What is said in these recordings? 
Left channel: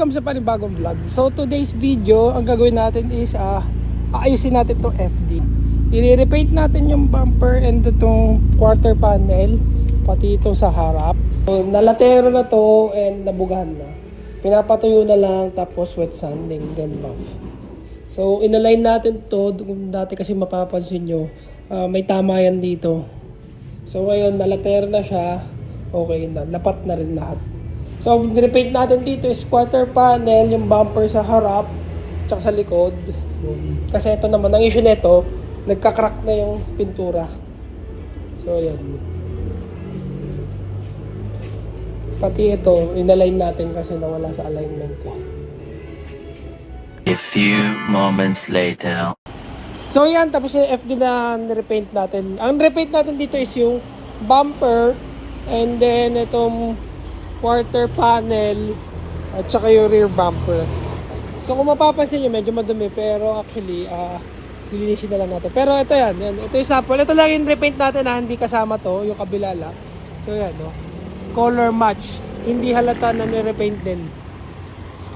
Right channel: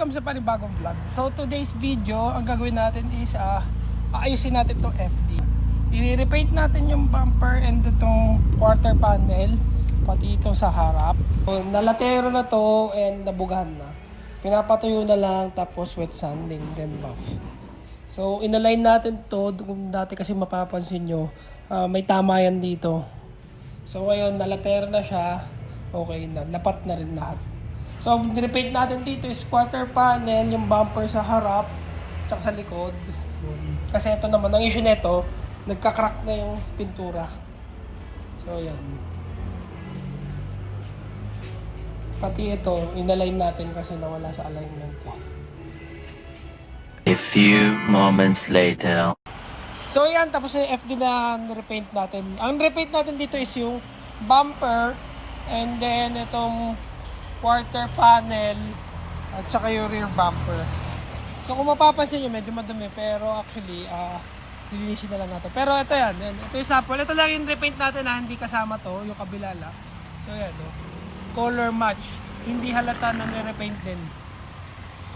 welcome sa panibagong vlog. So today's video, ang gagawin natin is aayusin natin itong FD. I-repaint natin yung bumper and itong quarter panel, pati ito sa harap. So, nalatero na to and nabugahan na. Pinapatuyo na lang tapos wet sanding, then off. So inalign natin to, kung dati kasi mapapansin nyo, may tama yan dito. So ngayon nalatero na siya, okay na, napat na rin lahat. So, repaint natin dito is quarter panel, yung bumper sa harap, tsaka sa likod. Kasi ito naman, ang issue nito, nagka-crack na yung pintura. So, ayan. Pati ito, inalign natin kasi nawala sa alignment. A few moments later. So, ayan, tapos yung FD na repaint natin. Ang repaint natin dito is yung bumper, and then itong quarter panel at saka yung rear bumper. So kung mapapansin nyo, medyo madumi, pero actually lilinisin na lang natin. Pero ito yan, ito yung sample. Ito lang yung repaint natin na hindi kasama to, yung kabila lang. So yan, color match, hindi halata na ni-repaint din.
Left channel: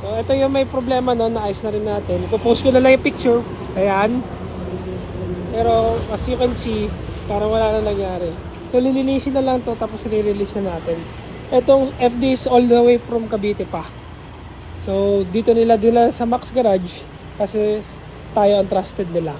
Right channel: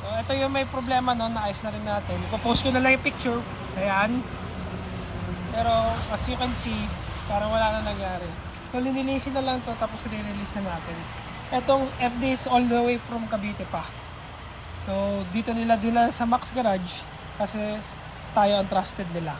So ito yung may problema, naayos na rin natin. Ipopost ko na lang yung picture, ayan. Pero as you can see, parang wala na nangyari. So lilinisin na lang to, tapos re-release na natin. Itong FD is all the way from Cavite pa. So dito nila sa Max Garage kasi tayo ang trusted nila.